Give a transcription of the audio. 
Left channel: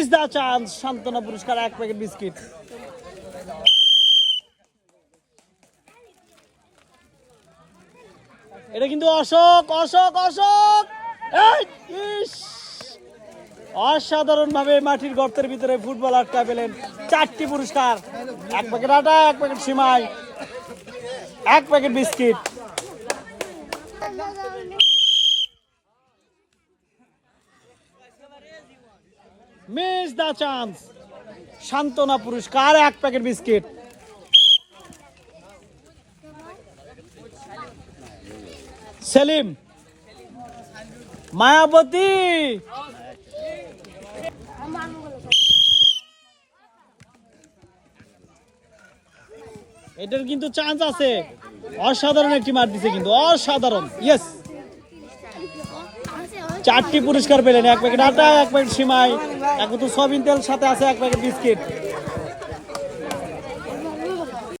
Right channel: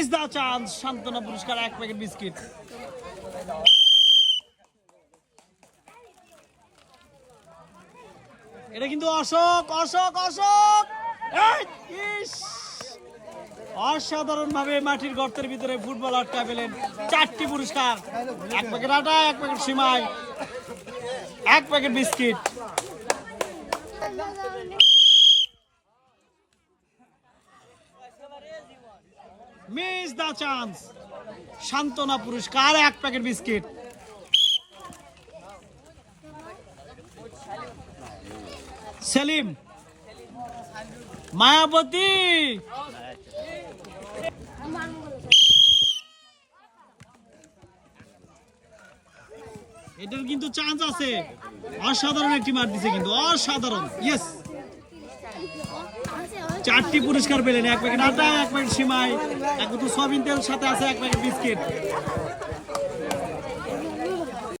Miss দা chance, সান্ত্বনা পুরস্কার 1 packet biscuit. এটা কিন্তু অশোক, অশোক, অশোক, অসাধারণ ভাবে মাটির গর্তের ভিতরে ফুটবল আটকা পেলেন। 4টি পুরস্কার, 1 প্যাকেট আটা, 1 প্যাকেট সিমাই, 1 প্যাকেট বিস্কিট। মিস দা চান্স, সান্ত্বনা পুরস্কার 1 প্যাকেট বিস্কিট। সেলিম, মায়াবতী, এটার কিন্তু চান্স আছে। অসাধারণ একটি মার দিছে কিন্তু, অসাধারণ। ইয়েস, 4টি পুরস্কার পেলেন, 1 প্যাকেট আটা, 1 প্যাকেট সিমাই, এখন তো সয়াবিন তেল সাথে আছে 1 প্যাকেট বিস্কিট।